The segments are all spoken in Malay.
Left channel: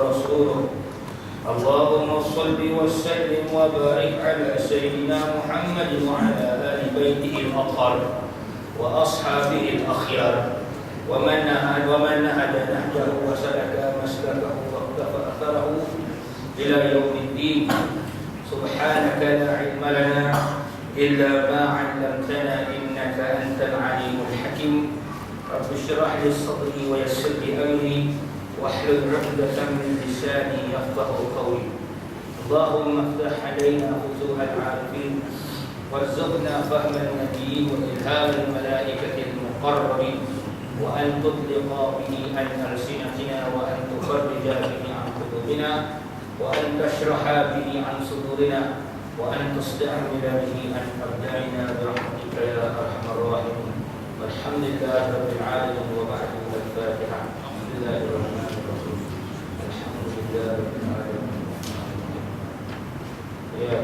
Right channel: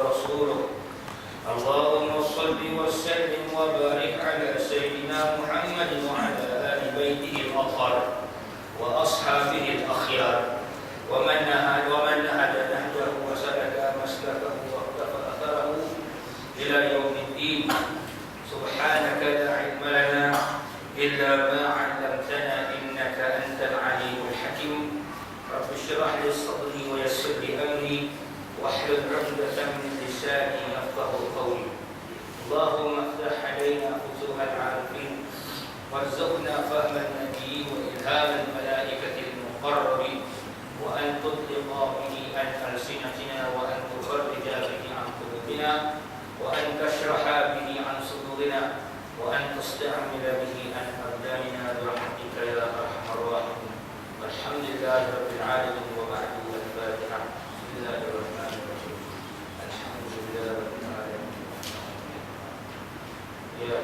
ورسوله. اللهم صل وسلم وبارك على سيدنا محمد وعلى آل بيته الأطهار وأصحابه الأخيار ومن نهج نهجه وسلك مسلكه واقتفى أثره إلى يوم الدين. سبحانك لا علم لنا إلا ما علمتنا إنك أنت العليم الحكيم. رب اشرح لي صدري ويسر لي أمري واحلل عقدة من لساني يفقه قولي. اللهم افتح علينا فتوح العارفين وارزقنا فهم النبيين وإلهام الملائكة المقربين وأن تطلق به عن ألسنتنا وأن تفرج به عن قلوبنا وأن تشرح به عن صدورنا وأن تستعمل به عن أبداننا برحمتك يا أرحم الراحمين. والحمد لله رب العالمين. وبعد الفاتحة. بسم الله الرحمن الرحيم. الحمد لله رب العالمين. Ya.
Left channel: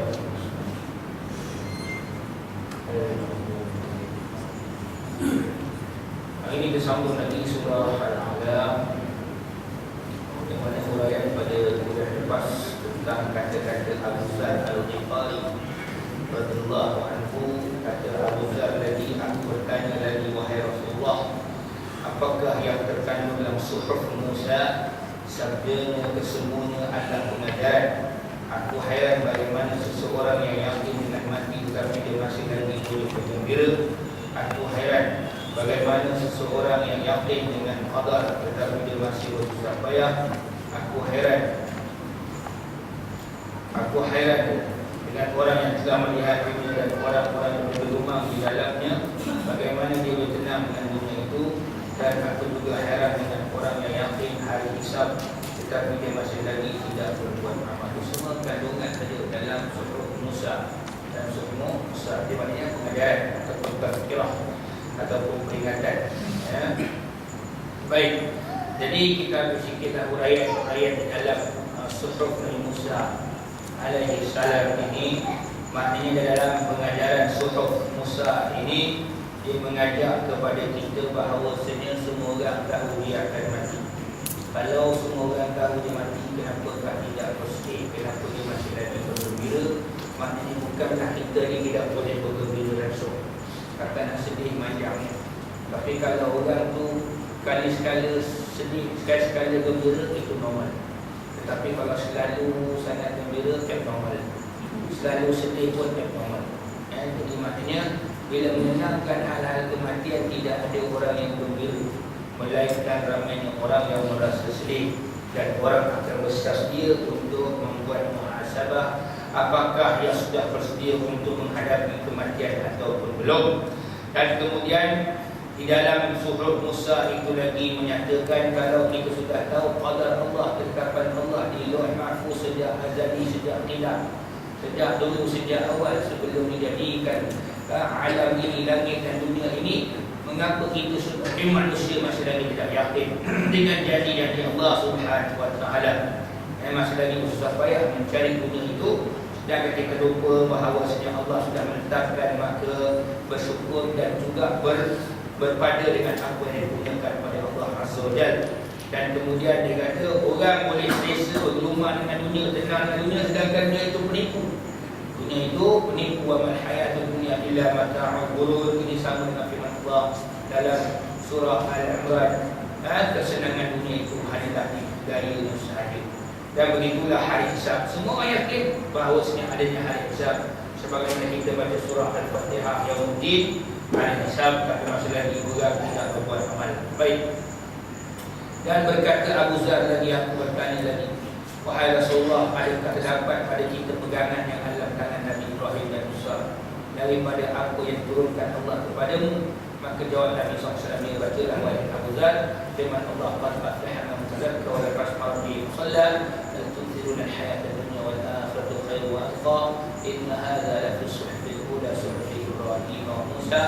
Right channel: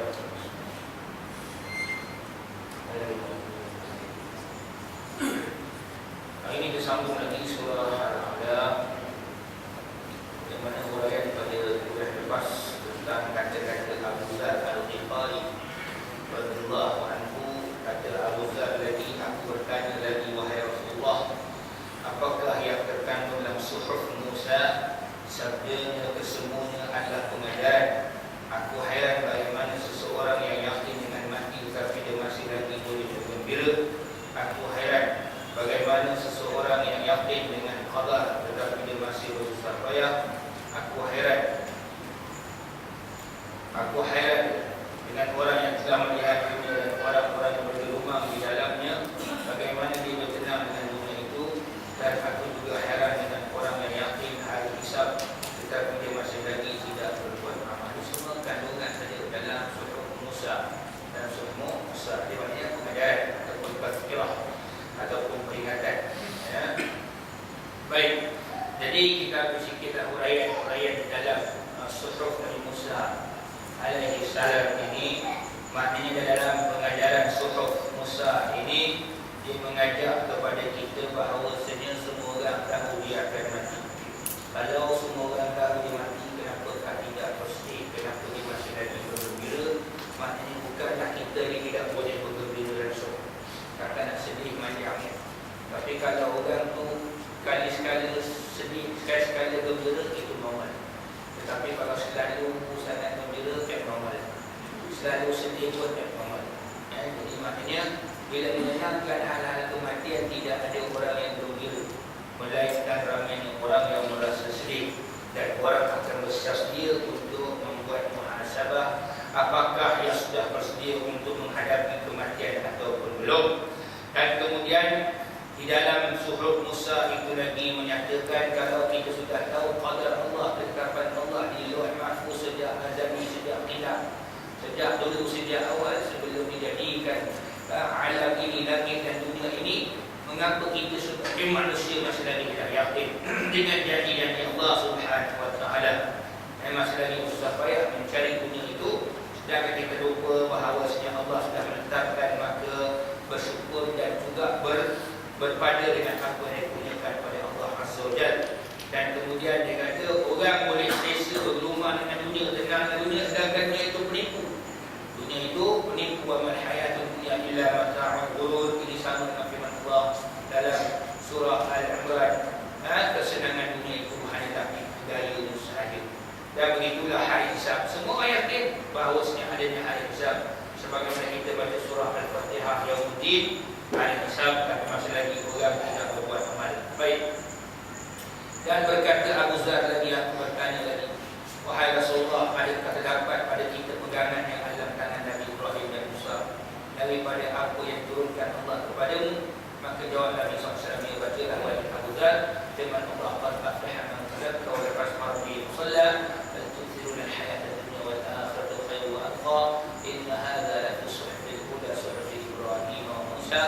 Hari ini disambung lagi surah Al-A'la yang mana huraian pada bulan lepas tentang kata-kata Abu Dzar Al-Ghifari radhiyallahu anhu. Kata Abu Dzar lagi, aku bertanya lagi, wahai Rasulullah, apakah yang terkandung dalam suhuf Musa? Sabdanya kesemuanya adalah pengajaran. Aku hairan bagaimana seseorang yang yakin dengan mati tetapi dia masih lagi boleh bergembira. Aku hairan bagaimana seseorang yang yakin dengan qadar tetapi dia masih bersusah payah. Aku hairan dengan orang yang telah melihat dunia dan orang-orang yang bergelumang di dalamnya, bagaimana dia bertenang dengan dunia itu. Dan aku juga hairan dengan orang yang yakin hari hisab tetapi dia masih lagi tidak berbuat amal. Itu semua kandungan saja dalam suhuf Musa. Dan suhuf Musa dia maknanya pengajaran ataupun tazkirah ataupun peringatan, ya. Baik, jadi kita huraian di dalam suhuf Nabi Musa alaihi salam ini. Maknanya dalam pengajaran suhuf Musa ini, dia mengajak kepada kita bahawasanya semua orang tahu dia akan mati. Kalau semua orang tahu dia mati, kenapakah tidak bersedih? Kenapa dia masih lagi bergembira? Maknanya bukanlah kita ni tidak boleh bergembira langsung. Kata nak sedih macamnya. Tapi kalau orang tu sekali-sekala sedih, sekali-sekala gembira, itu normal. Tetapi kalau selalu sangat gembira, tak normal. Selalu sedih pun tak normal. Jadi maknanya bila menyenangkan hal-hal kematian, tidak ada orang yang gembira, melainkan ramainya orang yang merasa sedih. Dan orang akan bersedia untuk membuat muhasabah, apakah yang sudah bersedia untuk menghadapi kematian ataupun belum. Dan kemudian di dalam suhuf Musa itu lagi menyatakan, kalau kita sudah tahu qadar Allah, ketetapan Allah di Lauh Mahfuz sejak azali, sejak qidam, sejak dulu, sejak awal sebelum dijadikan alam ini, langit dan dunia ini, mengapa kita sebagai manusia masih lagi tidak yakin dengan janji-janji Allah Subhanahu wa taala? Masih lagi susah payah mencari dunia itu, sedangkan kita lupa bahawa sejak Allah sudah menetapkan, maka bersyukur dan juga berpada dengan apa yang dipunyakan pada Allah Azza wa Jalla. Dan kemudian dia kata, orang boleh selesa bergelumang dengan dunia, tenang dengan dunia, sedangkan dunia itu penipu. Dunia itu penipu. Wa mal hayatud dunya illa mata'ul ghurur. Ini sama dengan firman Allah dalam surah Al-Imran. Kesenangan dunia itu hanyalah gaya sahaja. Dan begitulah hari hisab. Semua yakin bahawasanya adanya hari hisab. Sebagaimana kita baca surah Al-Fatihah, Yaumuddin, hari hisab, tapi masih lagi orang tidak berbuat amal. Baik. Dan berkata Abu Dzar lagi, aku bertanya lagi, wahai Rasulullah, adakah terdapat pada kita pegangan yang ada dalam tangan Nabi Ibrahim dan Musa daripada apa yang diturunkan Allah kepadamu? Maka jawab Nabi SAW, yang bacalah wahai Abu Dzar, firman Allah, qad aflaha man tazakka wa dzakara isma rabbih shalla bal tu'thiruna al-hayata ad-dunya wal akhiratu khairun wa abqa inna hadza la fi suhufil ula suhufi Ibrahim wa Musa.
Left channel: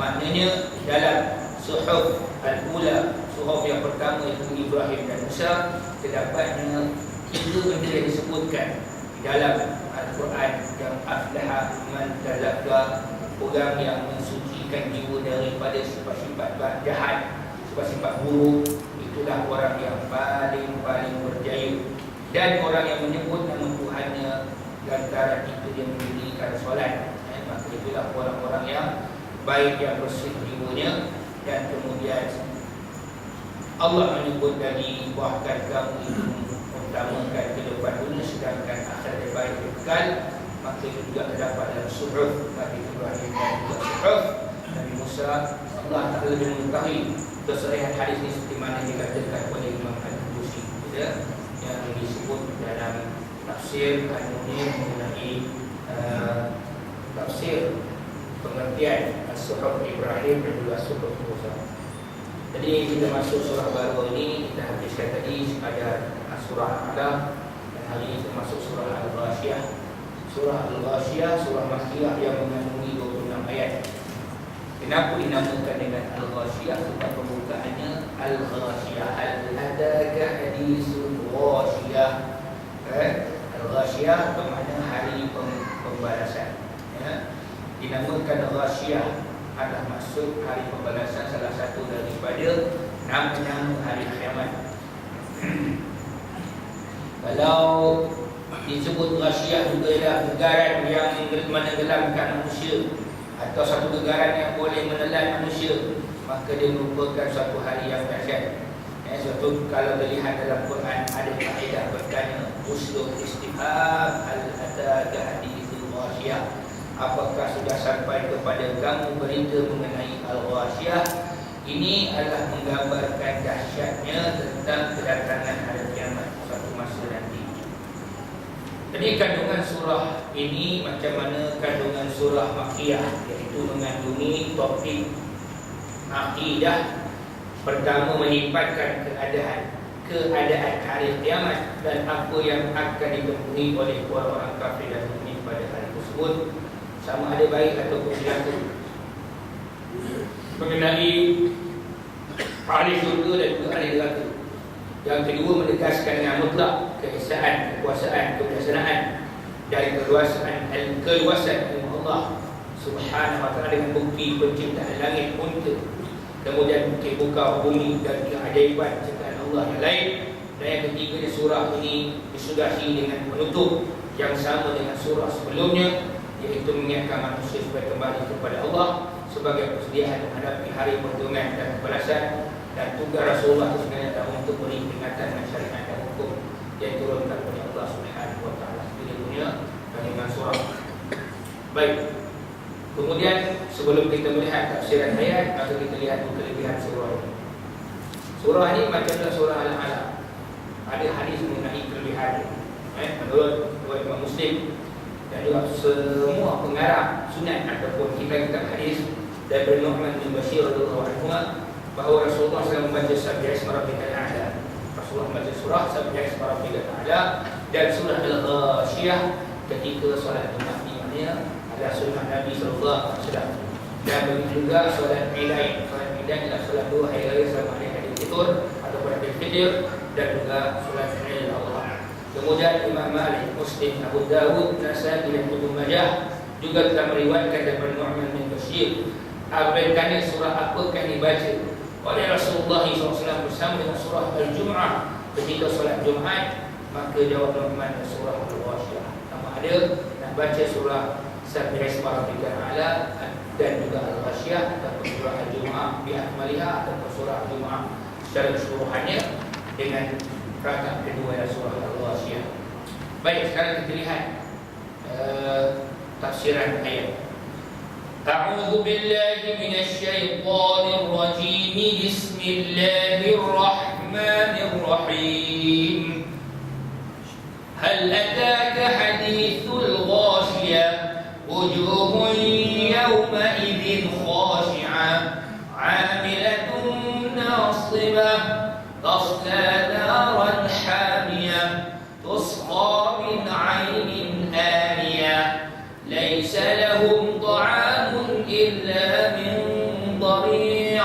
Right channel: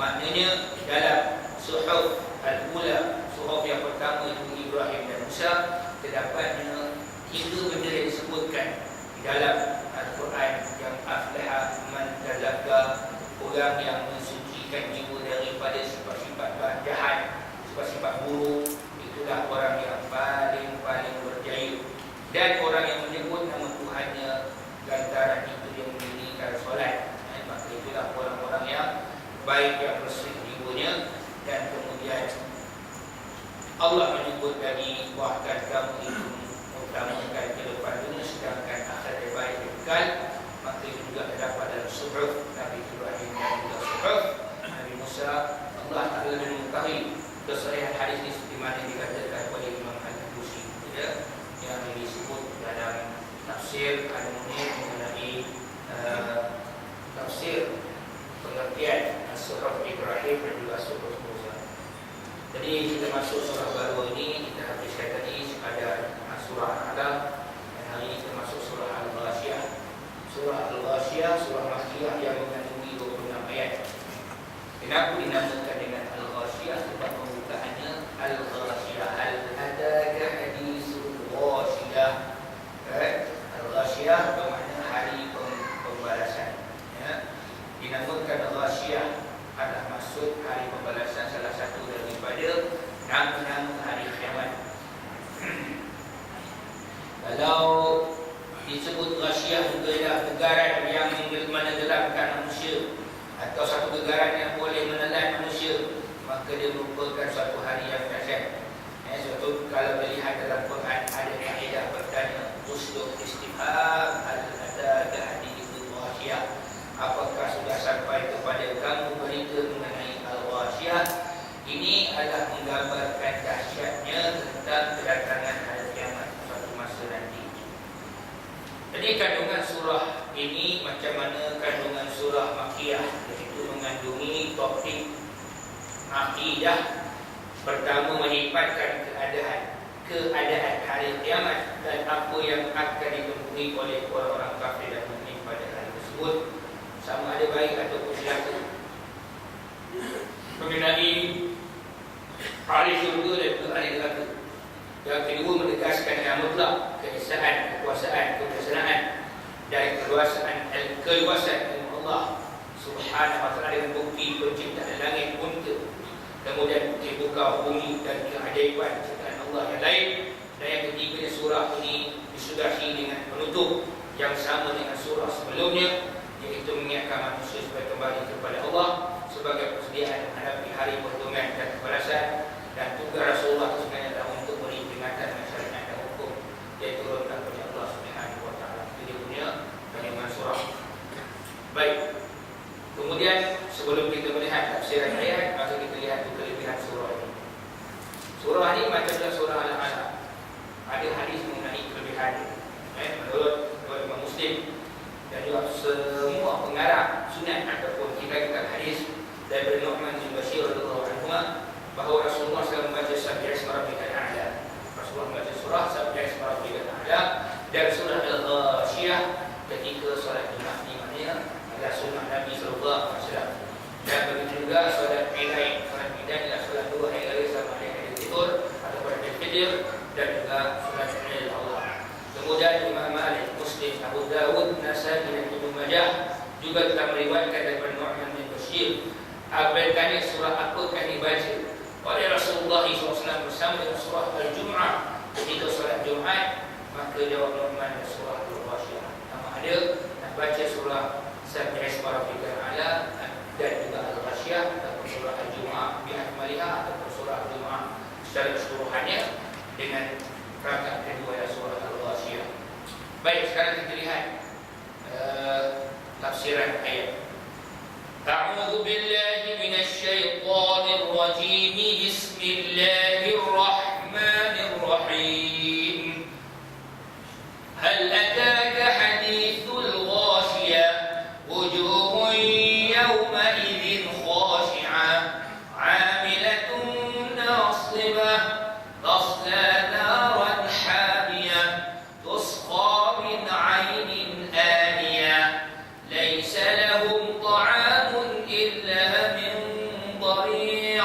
Maknanya dalam suhuf al-ula, suhuf yang pertama itu Ibrahim dan Musa, terdapatnya 3 benda yang disebutkan di dalam Al-Quran, yang aflaha man tazakka, orang yang mensucikan jiwa daripada sifat-sifat jahat, sifat-sifat buruk, itulah orang yang paling berjaya Dan orang yang menyebut nama Tuhannya lantaran itu dia mendirikan solat, maka itulah orang-orang yang baik, yang bersih jiwanya. Dan kemudian Allah menyebut lagi, bahkan kamu itu utamakan kehidupan dunia sedangkan akhirat yang baik kekal. Maka itu juga terdapat dalam suhuf Nabi Ibrahim dan juga suhuf Nabi Musa. Allah Ta'ala lebih mengetahui kesahihan hadis ini seperti mana dikatakan oleh Imam Al-Busi, yang disebut dalam tafsir Al-Munir mengenai tafsir pengertian suhuf Ibrahim dan juga suhuf Musa. Jadi kita masuk surah baru ini, kita habiskan tadi sekadar surah Al-Alaq, dan hari ini kita masuk surah Al-Ghashiyah. Surah Al-Ghashiyah, surah Makkiyah yang mengandungi 26 ayat. Kenapa dinamakan dengan Al-Ghashiyah? Sebab pembukaannya Al-Ghashiyah, Al-Adaka Hadisul Ghashiyah. Al-Ghashiyah bermakna hari pembalasan. Dinamakan Al-Ghashiyah adalah maksud hari pembalasan, salah satu daripada nama-nama hari kiamat. Kalau disebut Ghashiyah juga ialah gegaran yang menenggelamkan manusia, atau satu gegaran yang boleh menelan manusia, maka dia merupakan suatu hari yang dahsyat. Suatu kalau dilihat dalam Quran ada kaedah bertanya, uslub istifham al-adaka hadithul Ghashiyah, apakah sudah sampai kepada kamu berita mengenai Al-Ghashiyah? Ini adalah menggambarkan dahsyatnya tentang kedatangan hari kiamat suatu masa nanti. Jadi kandungan surah ini macam mana kandungan surah Makkiyah, iaitu mengandungi topik akidah. Pertama, menyifatkan keadaan hari kiamat dan apa yang akan ditemui oleh orang-orang kafir dan mukmin pada hari tersebut, sama ada baik ataupun celaka. Mengenai ahli syurga dan juga ahli neraka. Yang kedua, menegaskan yang mutlak keesaan, kekuasaan, kebijaksanaan dan keluasan ilmu Allah Subhanahu wa ta'ala dengan bukti penciptaan langit unta, kemudian bukti buka bumi dan keajaiban ciptaan Allah yang lain. Dan yang ketiga, surah ini disudahi dengan penutup yang sama dengan surah sebelumnya, iaitu mengingatkan manusia supaya kembali kepada Allah sebagai persediaan menghadapi hari perhitungan dan pembalasan. Dan tugas Rasulullah itu sebenarnya adalah untuk beri peringatan dan syariat dan hukum yang turunkan oleh Allah Subhanahu wa ta'ala. Ini punya kandungan surah. Baik. Kemudian sebelum kita melihat tafsiran ayat, maka kita lihat kelebihan surah ini. Surah ini macamlah surah Al-Alaq. Ada hadis mengenai kelebihan. Menurut Imam Muslim dan juga semua pengarang sunat ataupun kitab-kitab hadis dari Nu'man bin Bashir radhiyallahu anhu, bahawa Rasulullah SAW membaca Sabbihi Isma Rabbikal A'la. Rasulullah membaca surah Sabbihi Isma Rabbikal A'la dan surah Al-Ghashiyah ketika solat Jumaat. Ini maknanya adalah sunnah Nabi SAW. Dan begitu juga solat Idain. Solat Idain adalah solat dua hari raya sama ada Idul Fitr ataupun Idul Fitr, dan juga solat Idul Allah. Kemudian Imam Malik, Muslim, Abu Dawud, Nasai dan Ibnu Majah juga telah meriwayatkan daripada Nu'man bin Bashir. Apakah surah apakah dibaca oleh Rasulullah SAW bersama dengan surah Al-Jum'ah ketika solat Jumaat? Maka jawab Nu'man, surah Al-Ghashiyah. Sama ada nak baca surah Sabbihi Isma Rabbikal A'la dan juga Al-Ghashiyah, ataupun surah Al-Jum'ah bi'akmaliha, ataupun surah Al-Jum'ah secara keseluruhannya dengan rakaat kedua ya surah Al-Ghashiyah. Baik, sekarang kita lihat tafsiran ayat. A'udzu billahi minasy syaithanir rajim. Bismillahirrahmanirrahim. Hal ataka hadithul ghashiyah wujuhun yawma idzin khashi'ah 'amilatun nasibah tasla naran hamiyah tusqa min 'ainin aniyah laysa lahum ta'amun illa min dhari'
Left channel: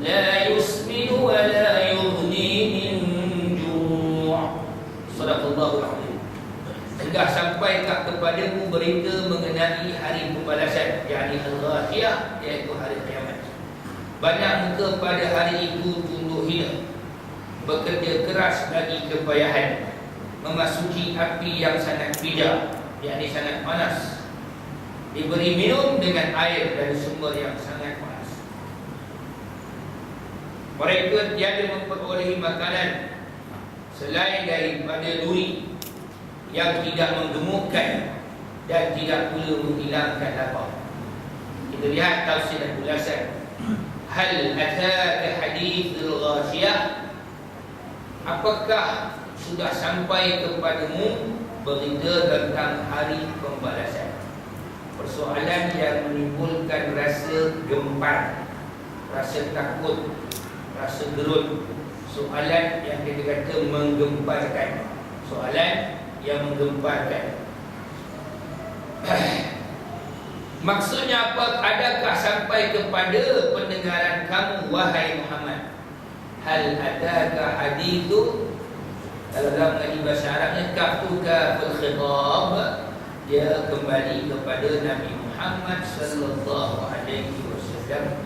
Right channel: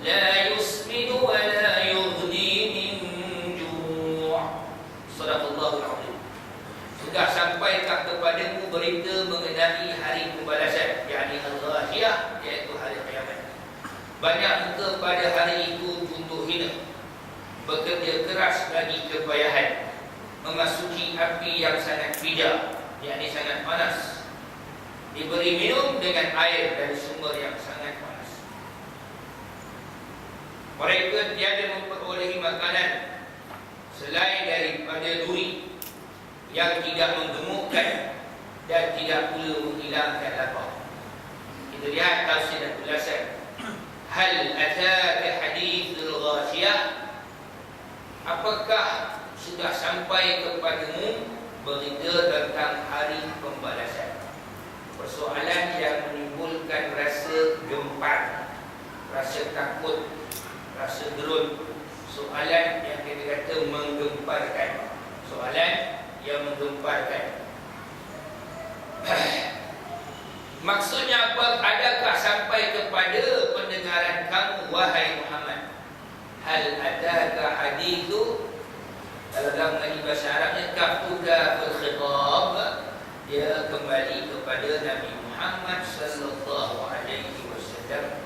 la yusminu wa la yughni min ju'. Sadaqallahul azim. Sudah sampai kepadamu berita mengenai hari pembalasan, yakni Al-Ghashiyah, iaitu hari kiamat. Banyak muka pada hari itu tunduk hina, bekerja keras bagi kepayahan. memasuki api yang sangat pijak, yakni sangat panas, diberi minum dengan air dari sumber yang sangat panas. Mereka tiada memperolehi makanan selain daripada duri yang tidak menggemukkan dan tidak pula menghilangkan lapar. Kita lihat tafsir dan ulasan. Hal ataka hadithul ghashiyah, apakah sudah sampai kepadamu berita tentang hari pembalasan? Persoalan yang menimbulkan rasa gempar, rasa takut, rasa gerun. Soalan yang kita kata menggemparkan. Soalan yang menggemparkan. Maksudnya apa? Adakah sampai kepada pendengaran kamu, wahai Muhammad? Hal adaka hadithu, kalau dalam mengaji bahasa Arabnya kafuka fil khitab, dia kembali kepada Nabi Muhammad sallallahu alaihi wasallam.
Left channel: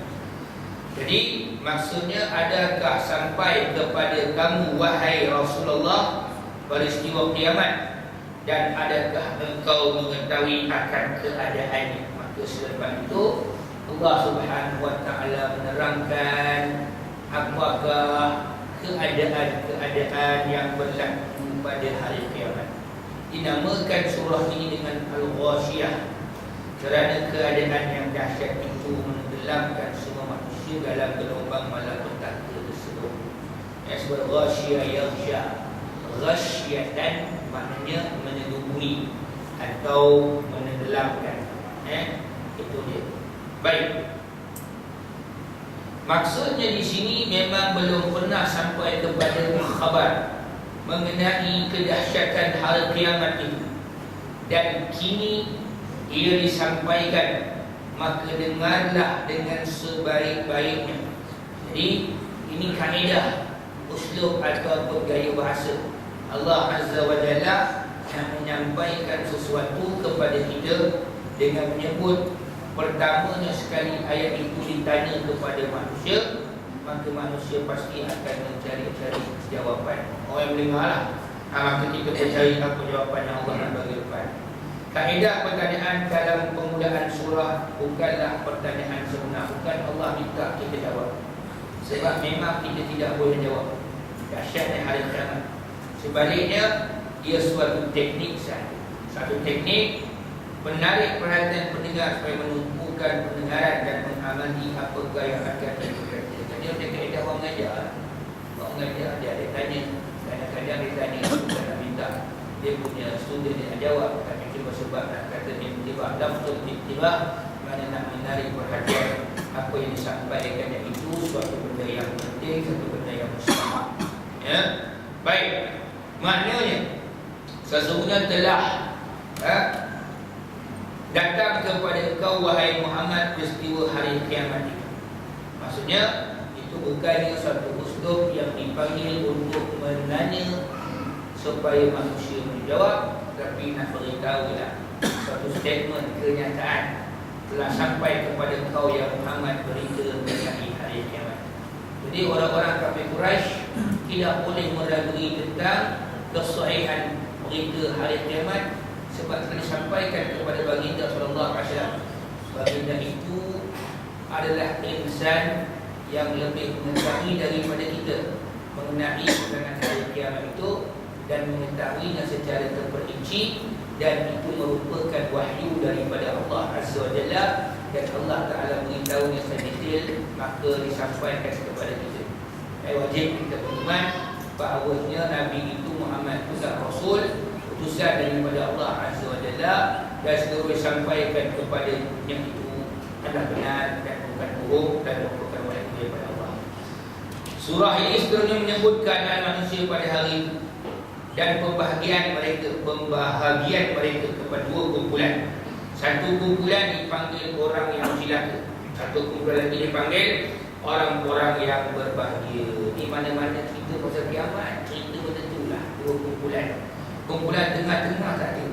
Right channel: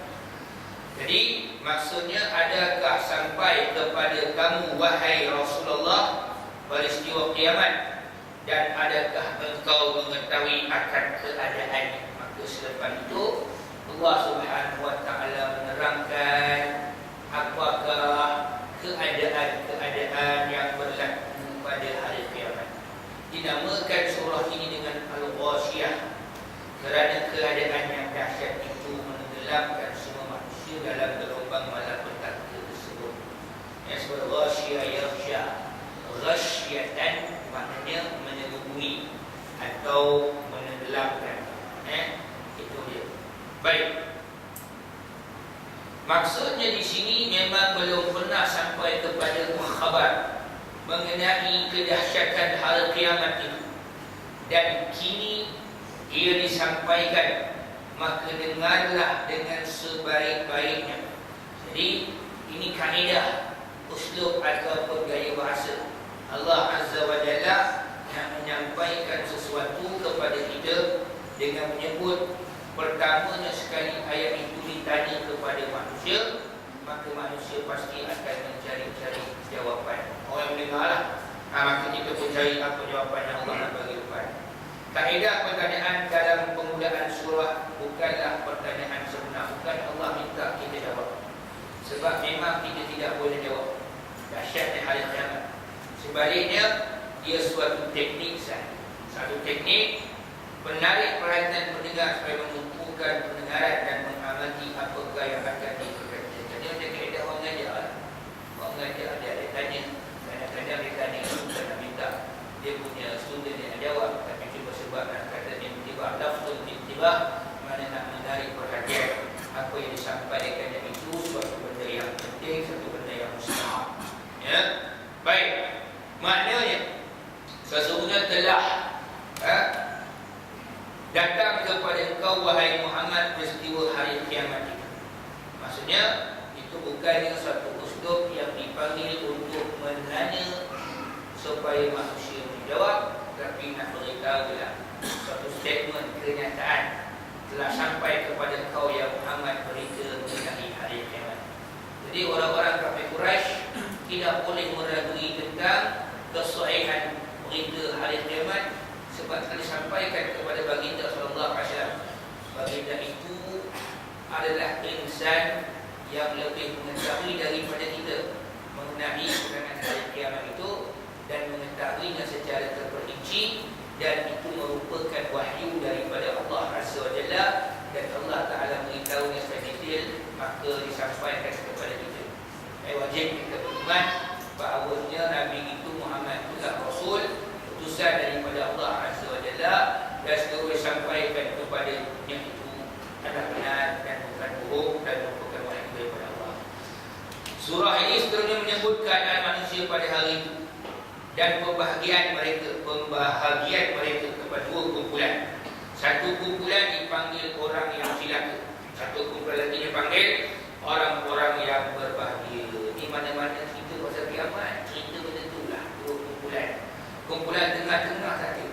Jadi maksudnya, adakah sampai kepada kamu, wahai Rasulullah, peristiwa kiamat, dan adakah engkau mengetahui akan keadaannya? Maka selepas itu Allah Subhanahu wa taala menerangkan apakah keadaan-keadaan yang berlaku pada hari kiamat. Dinamakan surah ini dengan Al-Ghashiyah kerana keadaan yang dahsyat itu menenggelamkan semua manusia dalam gelombang malapetaka tersebut. Yang sebagai Ghashiyah yaghsha, ghasyatan maknanya menyelubuhi atau menenggelamkan. Itu dia. Baik. Maksudnya di sini memang belum pernah sampai kepada khabar mengenai kedahsyatan hari kiamat itu, dan kini ia disampaikan, maka dengarlah dengan sebaik-baiknya. Jadi ini kaedah, uslub atau gaya bahasa Allah Azza wa Jalla yang menyampaikan sesuatu kepada kita dengan menyebut pertamanya sekali ayat itu ditanya kepada manusia, maka manusia pasti akan mencari-cari jawapan. Orang yang mendengarlah, maka kita pun cari apa jawapan yang Allah nak bagi depan. Kaedah pertanyaan dalam permulaan surah bukanlah pertanyaan sebenar. Bukan Allah minta kita jawab, sebab memang kita tidak boleh jawab. Dahsyatnya hari kiamat. Sebaliknya, dia suatu teknik sahaja. Satu teknik menarik perhatian pendengar supaya menumpukan pendengaran dan mengamati apakah yang akan dikerjakan. Jadi ada kaedah orang mengajar. Orang mengajar dia ada tanya, kadang-kadang dia tanya bukan nak minta dia punya student dia nak jawab, tapi cuma sebab nak kata dia tiba lafzul tiba, mana nak menarik perhatian apa yang disampaikan, yang itu suatu benda yang penting, satu benda yang mustahil. Ya, baik. Maknanya sesungguhnya telah datang kepada engkau, wahai Muhammad, peristiwa hari kiamat itu. Maksudnya itu bukannya suatu uslub yang dipanggil untuk menanya supaya manusia menjawab, tapi nak beritahulah suatu statement kenyataan telah sampai kepada engkau ya Muhammad berita mengenai hari kiamat. Jadi orang-orang kafir Quraisy tidak boleh meragui tentang kesahihan berita hari kiamat, sebab telah disampaikan kepada baginda sallallahu alaihi wasallam. Baginda itu adalah insan yang lebih mengetahui daripada kita mengenai kedatangan hari kiamat itu, dan mengetahuinya secara terperinci, dan itu merupakan wahyu daripada Allah Azza wa Jalla, dan Allah Ta'ala memberitahunya secara detail, maka disampaikan kepada kita. Wajib kita beriman bahawanya Nabi itu Muhammad itu Rasul, utusan daripada Allah Azza wa Jalla, dan segera disampaikan kepada yang itu adalah benar dan bukan bohong dan merupakan wahyu daripada Allah. Surah ini seterusnya menyebut keadaan manusia pada hari itu dan pembahagian mereka kepada dua kumpulan. Satu kumpulan dipanggil orang yang celaka, satu kumpulan lagi dipanggil orang-orang yang berbahagia. Di mana-mana kita pasal kiamat, cerita betul-betul lah dua kumpulan. Kumpulan tengah-tengah tadi,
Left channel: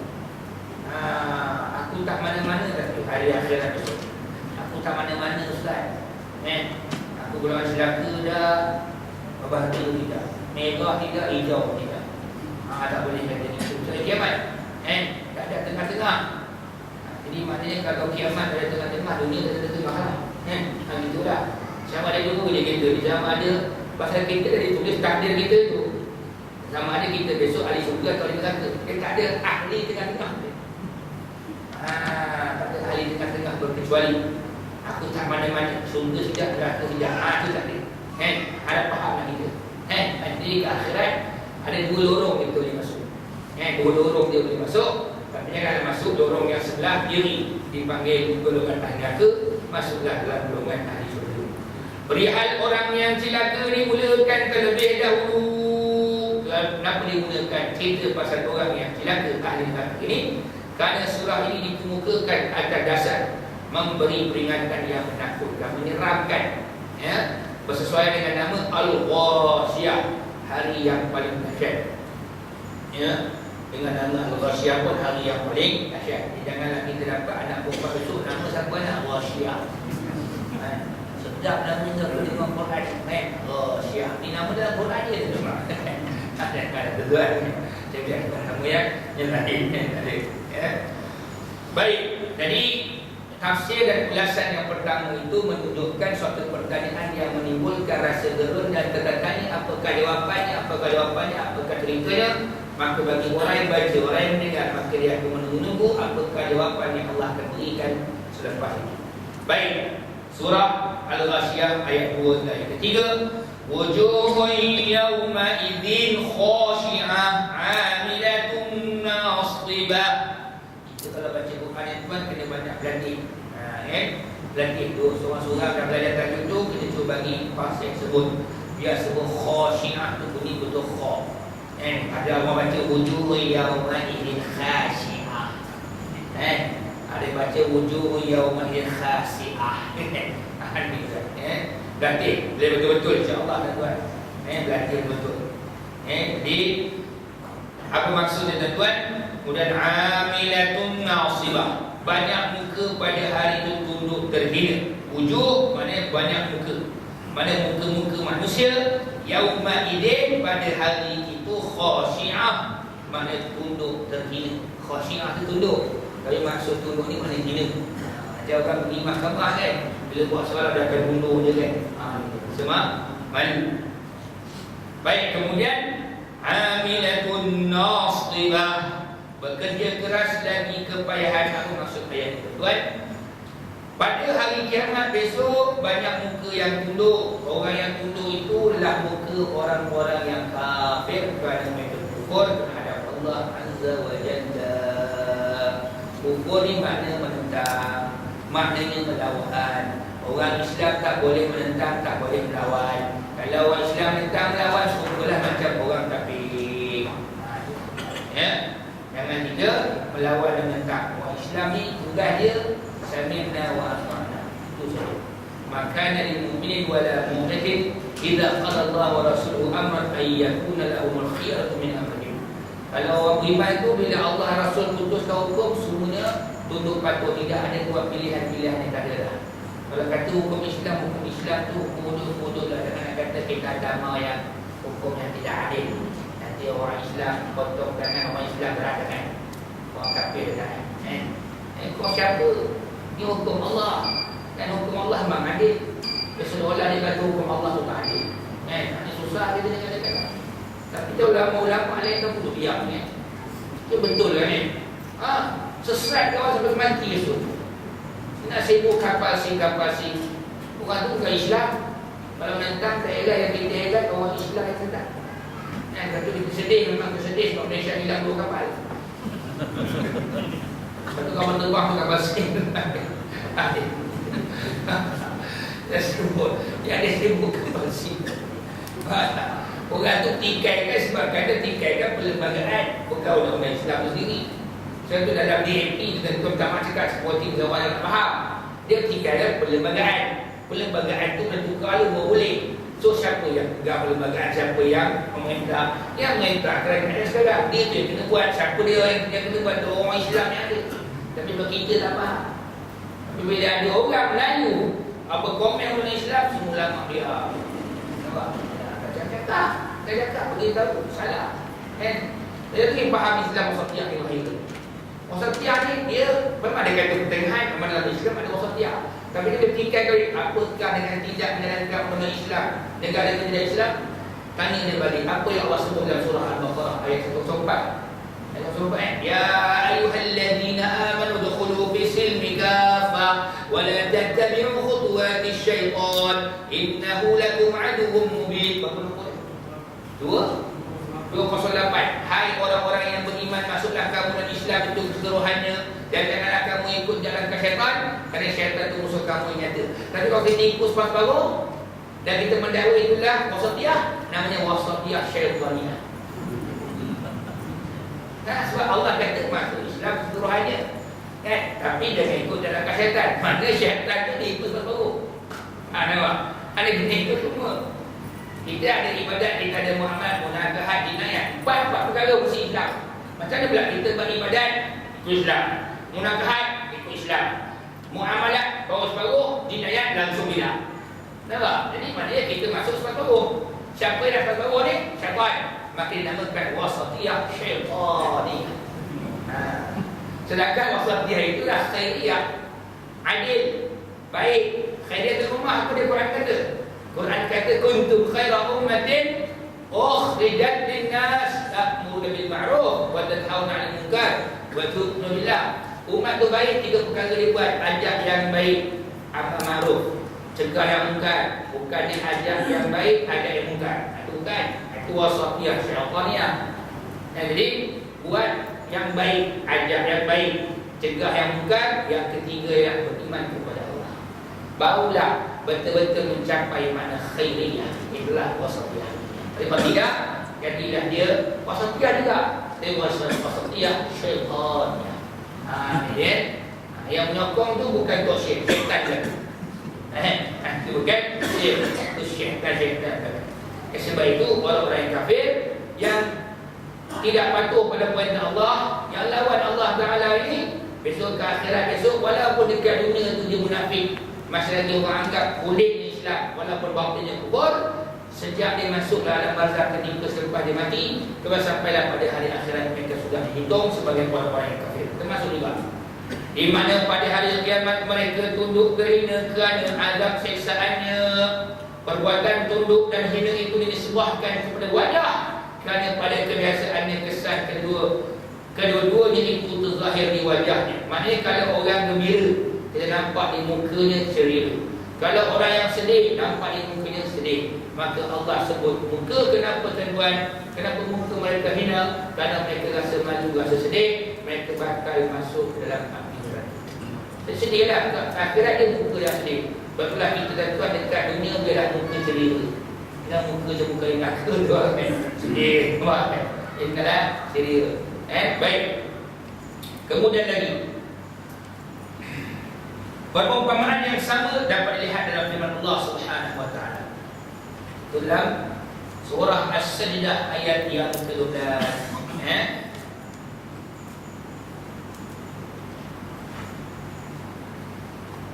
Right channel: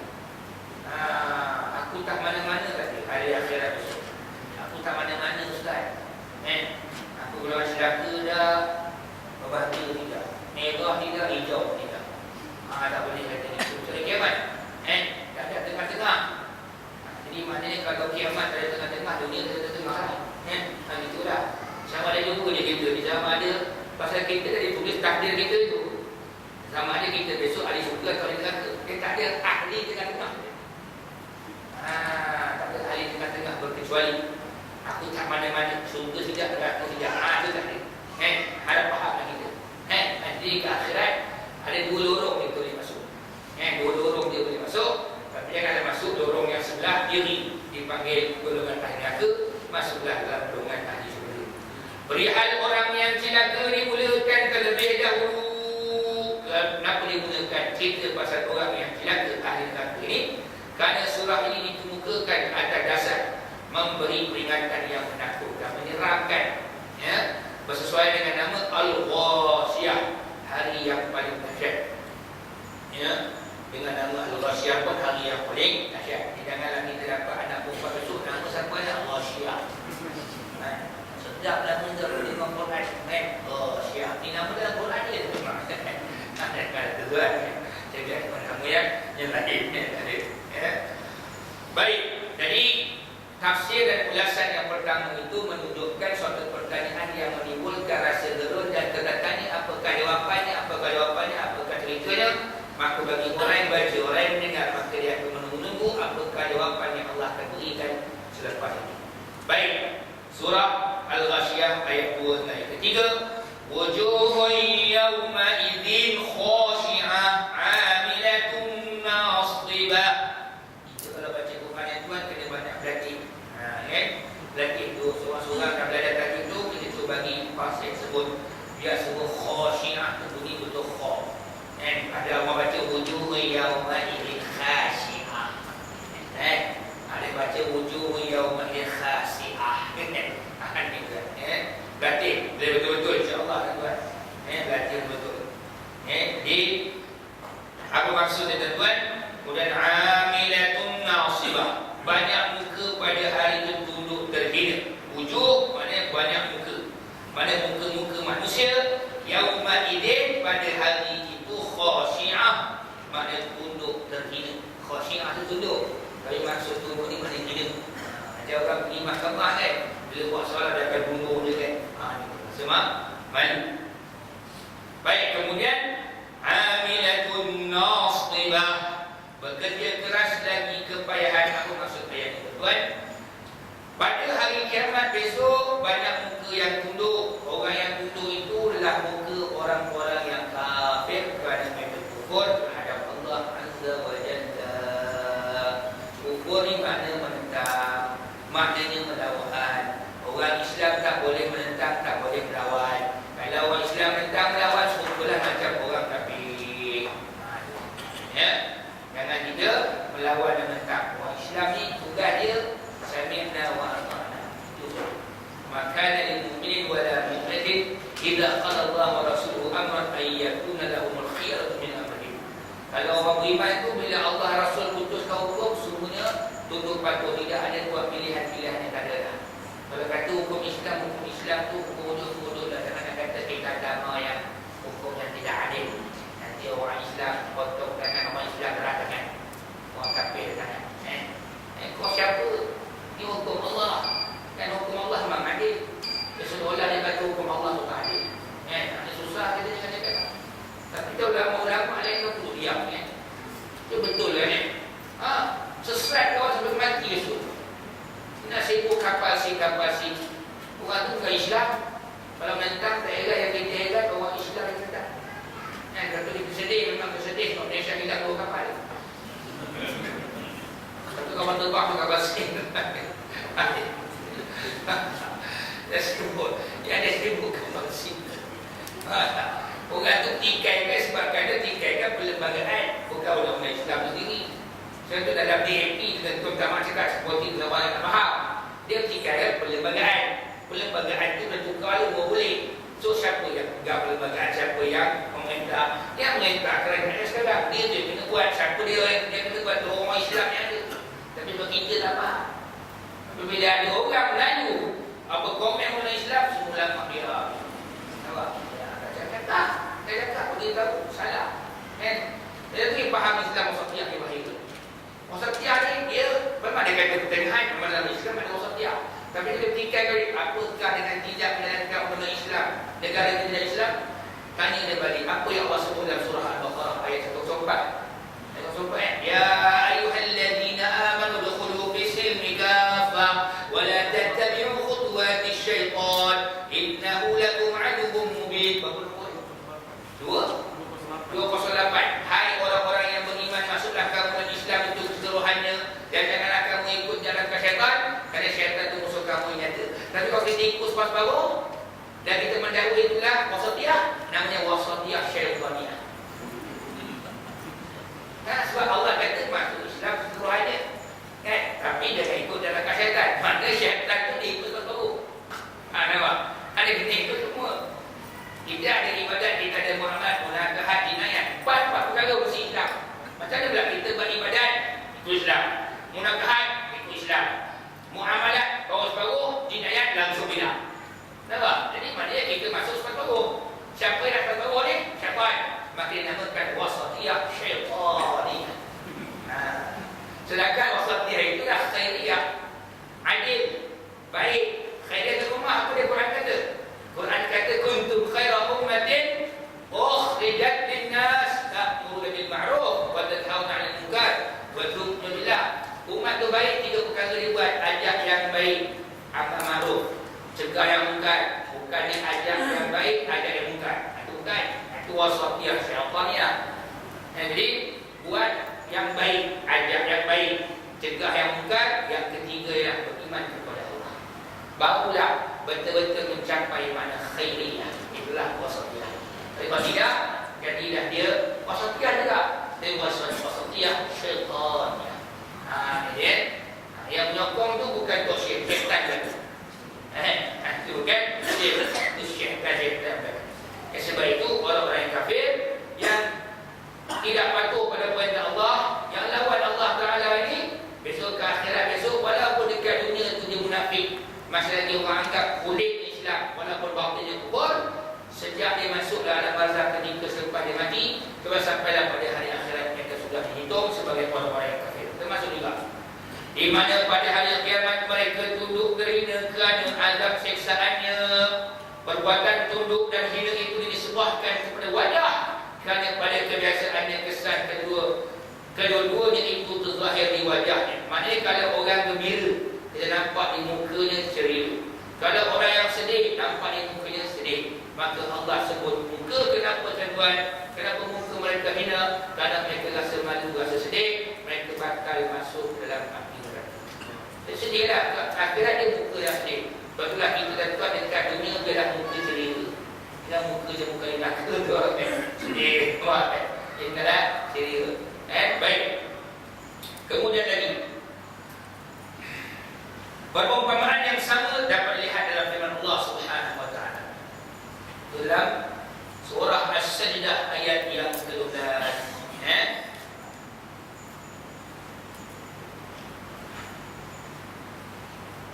aku tak mana-mana tadi hari akhirat besok. Aku tak mana-mana Ustaz. Aku golongan celaka dah, berbahagia tidak, merah tidak, hijau tidak. Tak boleh kata itu hari kiamat. Tak ada tengah-tengah. Jadi maknanya kalau kiamat ada tengah-tengah, dunia tak ada tengah lah. Itulah. Sama ada dulu kerja kita. Sama ada pasal kita dah ditulis takdir kita itu. Sama ada kita besok ahli syurga atau ahli neraka. Dia tak ada ahli tengah-tengah. Tak ada ahli tengah-tengah berkecuali aku tak mana-mana, syurga sejak, neraka sejak. Itu tak ada. Harap fahamlah kita. Nanti ke akhirat ada dua lorong kita boleh masuk. Dua lorong dia boleh masuk. Tapi jangan masuk lorong yang sebelah kiri, dipanggil golongan ahli neraka. Masuklah dalam golongan ahli syurga. Perihal orang yang celaka dimulakan terlebih dahulu. Kenapa dimulakan cerita pasal orang yang celaka ahli neraka ini? Kerana surah ini dikemukakan atas dasar memberi peringatan yang menakutkan, menyeramkan, bersesuaian dengan nama Al-Ghashiyah, hari yang paling dahsyat. Dengan nama Al-Ghashiyah pun hari yang paling dahsyat. Janganlah kita dapat anak perempuan besok nama siapa nak Ghashiyah. Sedap nama kita boleh dengan Quran. Ghashiyah ni nama dalam Quran dia tu. Ada tuan. Jadi nama yang lain. Baik. Jadi tafsir dan ulasan yang pertama itu menunjukkan suatu pertanyaan yang menimbulkan rasa gerun dan tertanya apakah jawapannya, apakah ceritanya. Maka bagi orang yang baca, orang yang mendengar, maka dia akan menunggu apakah jawapan yang Allah akan berikan selepas itu. Baik, surah Al-Ghashiyah ayat 2 dan ayat ketiga. Wujuhun yawma idzin khashi'ah 'amilatun nasibah. Itu kalau baca Quran yang tuan kena banyak berlatih. Berlatih tu seorang-seorang dah belajar tajuk tu, kita cuba bagi pasal sebut. Biar sebut khashi'ah tu bunyi betul kha. Ada orang baca wujuh yauma idzin khashi'ah. Ada baca wujuh yauma idzin khashi'ah. Berlatih boleh betul-betul insya-Allah tuan. Berlatih betul. Jadi apa maksudnya tuan? Kemudian amilatun nasibah. Banyak muka pada hari itu tunduk terhina. Wujuh maknanya banyak muka. Mana muka-muka manusia. Yauma idzin pada hari itu khashi'ah, maknanya tunduk terhina. Khashi'ah itu tunduk. Tapi maksud tunduk ni maknanya hina. Macam orang pergi mahkamah kan, bila buat soalan dia akan tunduk je kan. Semua malu. Baik, kemudian amilatun nasibah, bekerja keras lagi kepayahan. Apa maksud ayat itu tuan? Pada hari kiamat besok banyak muka yang tunduk. Orang yang tunduk itu adalah muka orang-orang yang kafir kerana mereka kufur terhadap Allah Azza wa Jalla. Kufur ni makna menentang, maknanya melawan. Orang Islam tak boleh menentang, tak boleh melawan. Kalau orang Islam menentang, melawan, serupalah macam orang kafir. Jangan kita melawan dan menentang. Orang Islam ni tugas dia sami'na wa ata'na. Itu saja. Maka lil mu'minin wa la mu'minatin idza qala Allah wa rasuluhu amran ay yakuna lahumul khiyaratu min amrihim. Kalau orang beriman itu bila Allah Rasul putuskan hukum, semuanya tunduk patuh, tidak ada buat pilihan-pilihan yang tak ada dah. Kalau kata hukum Islam tu bodoh lah. Jangan nak kata kita agama yang hukum yang tidak adil. Nanti orang Islam potong tangan orang Islam beratakan, orang kafir tangan. Kau siapa? Ini hukum Allah. Dan hukum Allah memang adil. Seolah-olah dia kata hukum Allah tu tak adil. Ini susah kita dengan dia kata. Tapi kita ulama-ulama lain tu duduk diam ni. Itu betul kan ni? Sesat kawan sampai mati besok. Nak sibuk kapal si. Orang tu bukan Islam. Kalau menentang tak elak yang kita elak, orang Islam yang sedap. Kata dia kesedih, memang kesedih sebab Malaysia hilang 2 kapal. Satu kawan terbang tu kapal sin. Dia sebut, dia sibuk kapal sin. Orang tu tikai kan sebab kata tikai kan perlembagaan, bukan undang-undang Islam sendiri. Sebab tu dalam DMP tentu pertama cakap seperti orang yang faham. Dia tikai kan perlembagaan. Perlembagaan tu bertukar lu boleh. So siapa yang pegang perlembagaan, siapa yang memerintah? Yang memerintah kerajaan sekarang. Dia tu yang kena buat. Siapa dia yang kena buat? Orang Islam yang ada. Tapi bagi kita tak faham. Tapi bila ada orang Melayu apa komen mengenai Islam, semua ulama dia. Nampak? Tak cakap, beritahu salah. Kan? Jadi faham Islam wasatiyah ni bahaya tu. Wasatiyah ni dia memang ada kata pertengahan, memang dalam Islam ada wasatiyah. Tapi dia bertikai kali apakah dengan tidak menjalankan benda Islam, negara yang tidak Islam? Tanya dia balik, apa yang Allah sebut dalam surah Al-Baqarah ayat 104? Ya ayyuhalladzina amanu dukhulu fi silmi kaffah wa la tattabi'u khutuwatis syaitan innahu lakum aduwwun mubin. Berapa? 208. Hai orang-orang yang beriman, masuklah kamu dalam Islam itu keseluruhannya dan janganlah kamu ikut jalan ke syaitan, kerana syaitan itu musuh kamu yang nyata. Tapi kalau kita ikut separuh dan kita mendahului, itulah wasatiyah, namanya wasatiyah syaitaniyah. Sebab Allah kata masuk Islam keseluruhannya, kan? Tapi jangan ikut jalan ke syaitan. Mana syaitan itu diikut separuh. Nampak? Ada kena ikut semua. Kita ada ibadat, kita ada muamalah, munakahat, jinayat. Empat perkara mesti Islam. Macam mana pula kita beribadat? Itu Islam. Munakahat, itu Islam. Muamalah, bawa separuh, jinayat, langsung bilang. Nampak? Jadi maknanya kita masuk separuh. Siapa yang dapat separuh ni? Syaitan. Maka dinamakan wasatiyah syaitaniyah. Sedangkan wasatiyah itulah khairiyah, adil, baik. Khairiyah di rumah, apa dia Quran kata? Quran kata kuntum khaira ummatin ukhrijat lin-nas ta'muruna bil ma'ruf wa tanhauna 'anil munkar wa tu'minuna billah. Umat tu baik, tiga perkara dia buat: ajak yang baik, amar ma'ruf, cegah yang munkar. Bukan diajak yang baik, ajak yang munkar. Itu bukan. Itu wasatiyah syaitaniyah. Jadi buat yang baik, ajak yang baik, cegah yang munkar. Yang ketiga yang beriman kepada Allah, barulah betul-betul mencapai makna khairiyah. Itulah wasatiyah. Tapi kalau tidak, jadilah dia wasatiyah juga. Dia wasatiyah syaitaniyah. Yang menyokong tu bukan tok syaitan kan? Itu bukan itu syaitan. Sebab itu orang-orang yang kafir yang tidak patuh pada perintah Allah, yang lawan Allah Ta'ala ini, besok ke akhirat esok, walaupun dekat dunia tu dia munafik, masih lagi orang anggap kulit Islam, walaupun batinnya kufur, sejak dia masuk dalam barzakh ketika selepas dia mati, sampailah pada hari akhirat mereka sudah dihitung sebagai orang-orang yang kafir. Termasuk juga di mana pada hari kiamat mereka tunduk kerana azab siksaannya. Perbuatan tunduk dan hina itu disebabkan kepada wajah, kerana pada kebiasaannya kesan kedua-duanya itu terzahir di wajahnya. Maknanya kalau orang gembira, kita nampak di mukanya ceria. Kalau orang yang sedih, nampak di mukanya sedih. Maka Allah sebut muka. Kenapa tuan-tuan? Kenapa muka mereka hina? Kerana mereka rasa malu, rasa sedih. Mereka bakal masuk dalam api neraka. Sedihlah. Akhirat dia muka yang sedih. Betullah kita tuan dekat dunia dia dah muka ceria. Dia muka je muka yang neraka tu. Sedih. Dia dah ceria. Baik. Kemudian lagi, perumpamaan yang sama dapat dilihat dalam firman Allah Subhanahu wa taala dalam surah As-Sajdah ayat yang ke-12.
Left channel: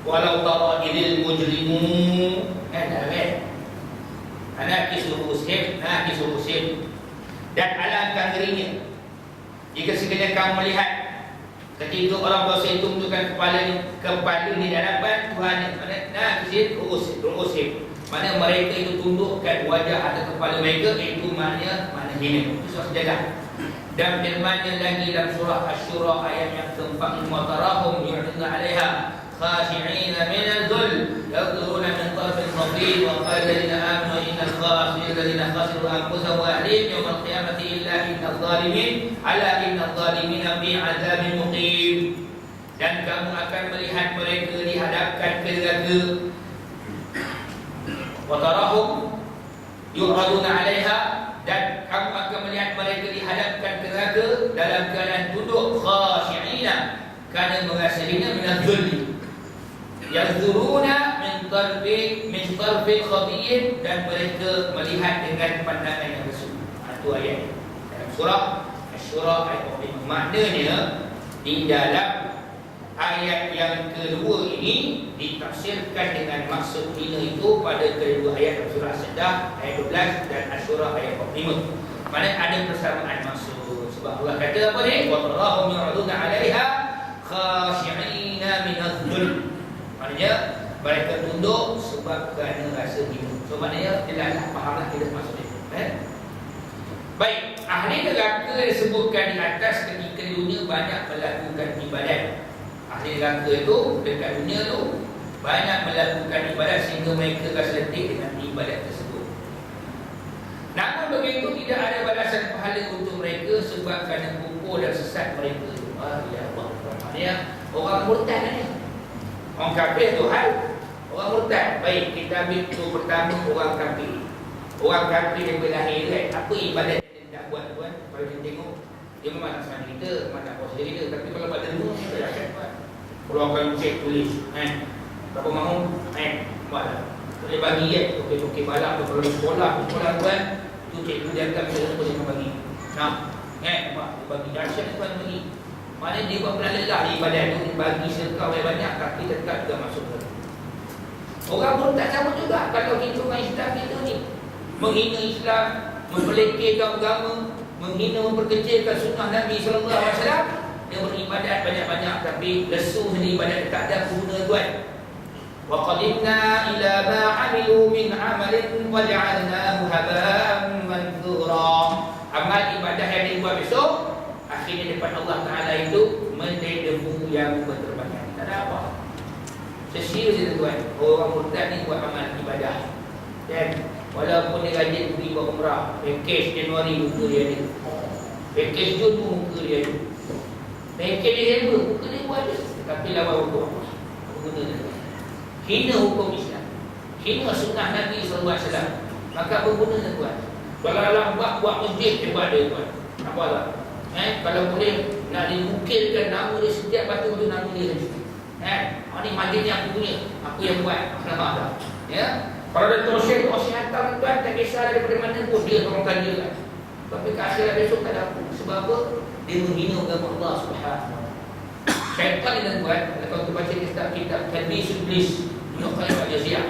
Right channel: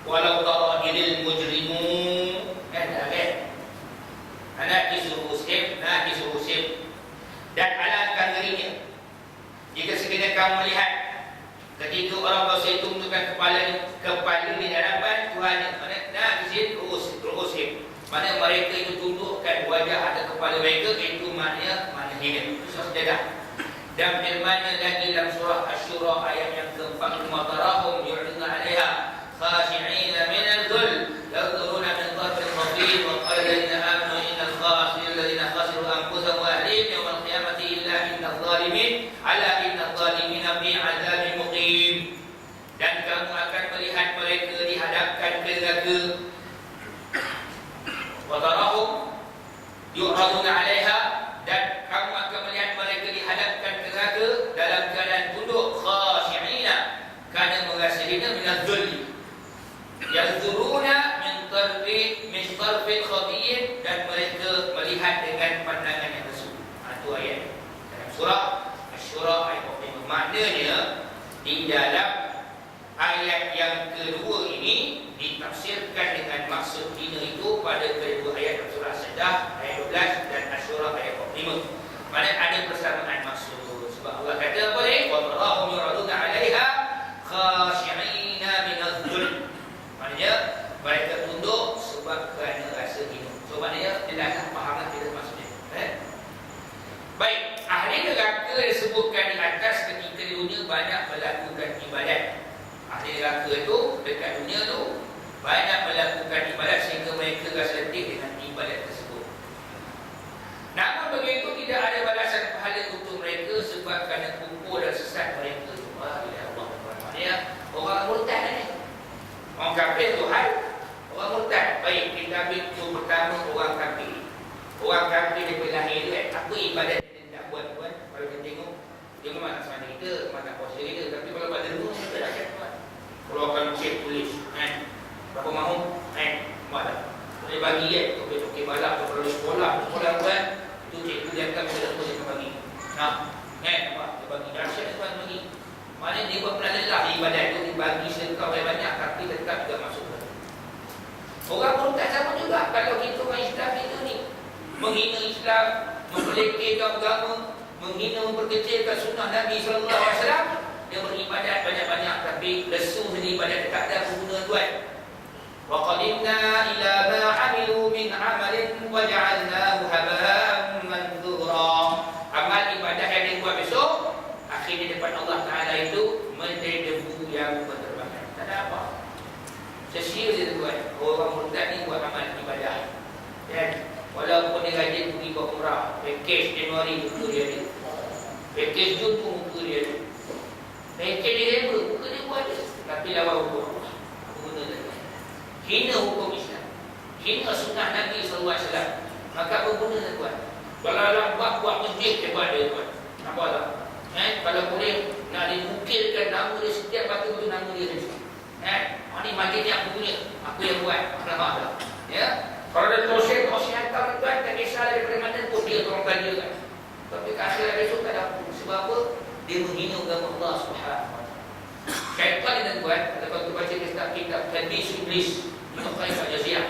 Walau tara idil mujrimun nakisu rusim dan alatkan dirinya jika sekiranya kamu melihat ketika orang berdosa itu menundukkan kepala di hadapan Tuhan, nakisin rusim, mana mereka itu tundukkan wajah atau kepala mereka, itu maknanya hina. Itu sejadah. Dan firman-Nya lagi dalam surah Asy-Syura ayat yang ke-4, "Matarahum yu'riduna 'alaiha khashi'ina min al-dhul yadhuruna min tarfil khabir wa qala alladhina amanu innal khasirina khasiru anfusahum wa ahlihim yawmal qiyamati illa innal zalimin ala innal zalimina fi 'adzabin muqim." Dan kamu akan melihat mereka dihadapkan ke neraka. Wa tarahum yu'raduna 'alaiha, dan kamu akan melihat mereka dihadapkan ke neraka dalam keadaan tunduk, khashi'ina, kerana merasa hina, minadh-dhulli, yanzuruna min tarfil khabir, dan mereka melihat dengan pandangan yang lesu. Itu ayat dalam surah Asy-Syura ayat 5. Maknanya di dalam ayat yang kedua ini ditafsirkan dengan maksud hina itu pada kedua ayat dalam surah As-Sajdah ayat 12 dan Asy-Syura ayat 5. Maknanya ada persamaan maksud. Sebab So maknanya dia dah fahamlah kita maksudnya. Baik, ahli neraka disebutkan di atas ketika di dunia banyak melakukan ibadat. Ahli neraka itu dekat dunia tu banyak melakukan ibadat sehingga mereka rasa letih dengan ibadat tersebut. Namun begitu tidak ada balasan pahala untuk mereka sebab kerana kufur dan sesat mereka. Ya Allah. Maknanya orang murtad ni. Orang kafir tu hal. Orang murtad. Baik, kita ambil tu pertama orang kafir. Orang kafir daripada lahir kan, apa ibadat dia tidak buat. Kalau kita tengok, dia memang nak semana kita, memang nak puasa kita. Tapi kalau pada dulu, kita dah kan buat. Keluarkan cek tulis, berapa mahu, buat dah. Boleh bagi kan, tokek-tokek balak, kalau sekolah buat, tu cek tu dia akan bisa lepas dia bagi. Nah, nampak, dia bagi dahsyat tuan bagi. Maknanya dia buat pernah lelah ibadat tu, dia bagi sedekah banyak, tapi tetap juga masuk ke. Orang murtad sama juga. Kalau kita orang Islam kita ni menghina Islam, memperlekehkan agama, menghina, memperkecilkan sunnah Nabi SAW, dia beribadat banyak-banyak tapi lesu sendiri ibadat tak ada guna tuan. Wa qadimna ila ma 'amilu min 'amalin wa ja'alnahu haba'an manthura. Amal ibadah yang dibuat besok akhirnya depan Allah Taala itu menjadi debu yang berterbangan. Tak ada apa. Sesia dia tuan. Orang murtad ni buat amal ibadah. Dan walaupun dia rajin pergi buat umrah, package Januari muka dia ni, package Jun pun muka dia ni, package Disember muka dia buat dia, tapi lawan hukum Allah. Apa guna dia? Hina hukum Islam, hina sunnah Nabi SAW, maka apa guna dia tuan? Kalau lambat buat masjid dia buat dia tuan. Apa tak? Kalau boleh nak dimukilkan nama dia setiap batu tu nama dia saja. Ni masjid ni aku punya, aku yang buat. Nampak tak? Ya. Kalau ada tosya hantar tuan, tak kisah daripada mana pun dia tolongkan dia kan. Tapi ke akhirat besok tak ada apa. Sebab apa? Dia menghina agama Allah SWT. Syaitan ni tuan, kalau kita baca kitab Talbis Iblis, Ibn Qayyim Al-Jauziyah.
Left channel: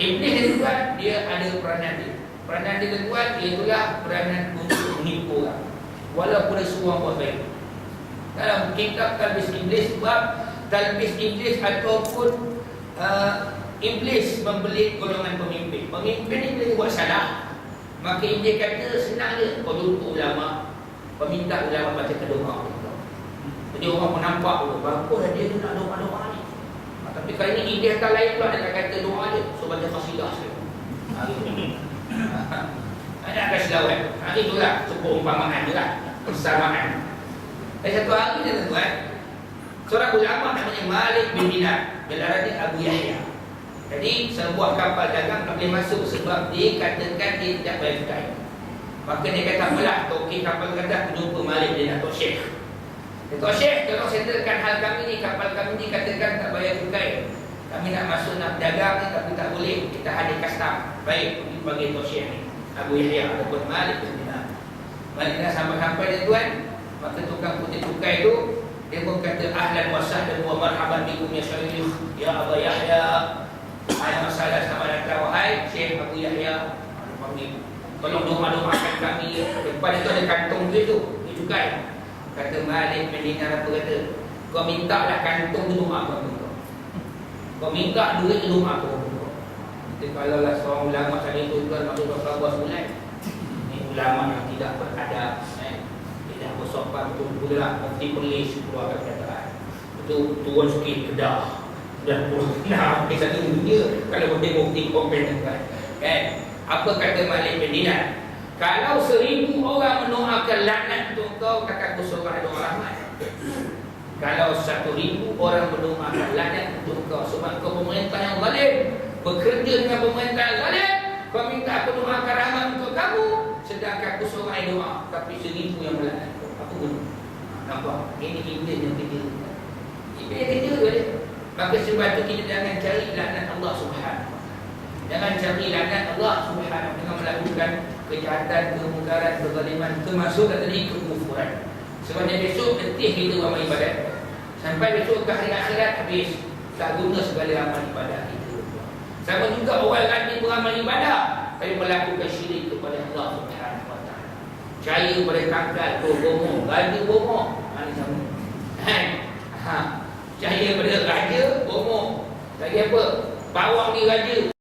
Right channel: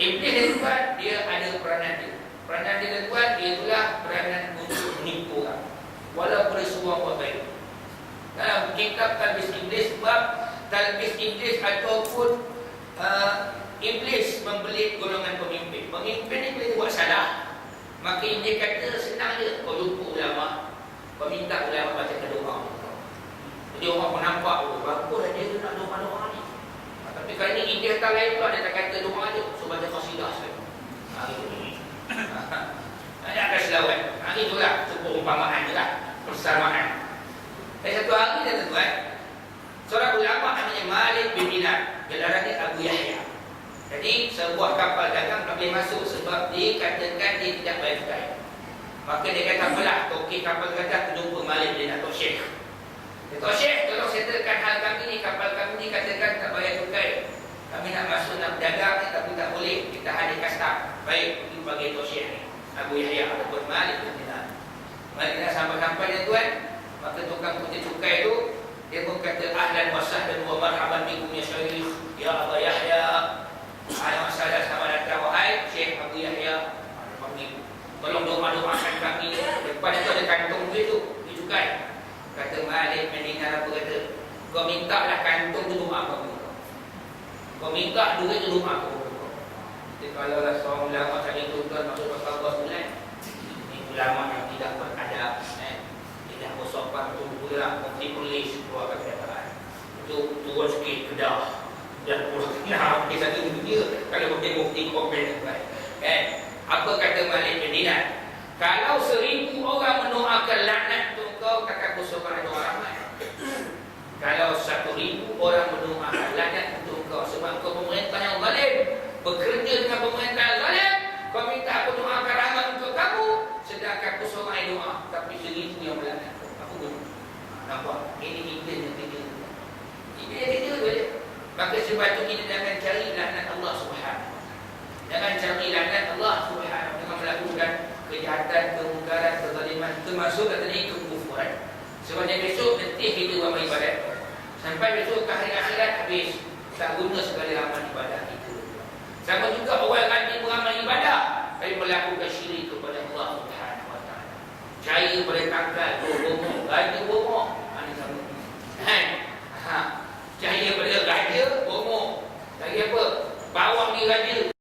Iblis ni tuan, dia ada peranan dia. Peranan dia tuan, dia itulah peranan untuk menipu orang. Walaupun dia suruh buat baik. Dalam kitab Talbis Iblis, sebab Talbis Iblis ataupun Iblis membeli golongan pemimpin. Pemimpin ni boleh buat salah, maka Iblis kata senang je, kau jumpa ulama, kau minta ulama baca doa. Jadi orang pun nampak berapa dah dia tu nak doa-doa ni. Tapi kali ni Iblis tak lain pula, dia tak kata doa je, so baca qasidah sekali. Ada akan selawat. Itulah perumpamaan je lah, persamaan. Satu hari dia tuan, seorang ulama namanya Malik bin Dinar, gelar dia Abu Yahya. Jadi sebuah kapal dagang tak boleh masuk sebab dia katakan dia tidak bayar cukai. Maka dia kata apalah, tokek kapal kata aku jumpa Malik dia nak Tok Syekh. Tok Syekh, tolong settlekan hal kami ni, kapal kami ni katakan tak bayar cukai. Kami nak masuk nak berdagang ni tapi tak boleh, kita hadir custom. Baik, pergi bagi Tok Syekh ni, Abu Yahya ataupun Malik bin Dinar. Malik dah sampai-sampai dia tuan, maka tukang putih cukai tu dia pun kata ahlan wa sahlan wa marhaban bikum ya Syekh, ya Abu Yahya. Ada masalah sama datang wahai Syekh Abu Yahya. Tolong doa-doakan kami. Depan itu ada kantong duit tu, duit cukai. Kata Malik bin Dinar apa kata? Kau minta lah kantong tu doa aku. Kau minta duit tu doa aku. Jadi kalau lah seorang ulama tadi tu tuan masuk pasal bos bulan. Ini ulama yang tidak beradab, tidak bersopan tu pula mufti polis keluarkan kenyataan. Itu turun sikit kedah. Dan nah, kisah ni dia kalau bukti komplain kan. Apa kata Malik bin Dinar? Kalau 1000 orang mendoakan laknat untuk kau, kata aku seorang doa rahmat. Kalau 1000 orang mendoakan laknat untuk kau sebab kau pemerintah yang zalim, bekerja dengan pemerintah yang zalim, kau minta aku doakan rahmat untuk kamu, sedangkan aku seorang yang doa, tapi 1000 yang melaknat kau. Apa guna? Nampak? Ini Iblis yang kerja. Iblis yang kerja tu dia. Maka sebab itu kita jangan cari laknat Allah Subhanahu. Jangan cari laknat Allah Subhanahu dengan melakukan kejahatan, kemungkaran, kezaliman, termasuk tadi kekufuran. Sebabnya besok letih kita amal ibadat. Sampai besok ke hari akhirat habis, tak guna segala amal ibadat itu. Sama juga orang rajin beramal ibadah tapi melakukan syirik kepada Allah Subhanahu wa taala. Percaya pada tangkal, bohong, gaji bohong. Ini sama. Cahaya pada raja, bohong. Lagi apa? Bawang ni raja.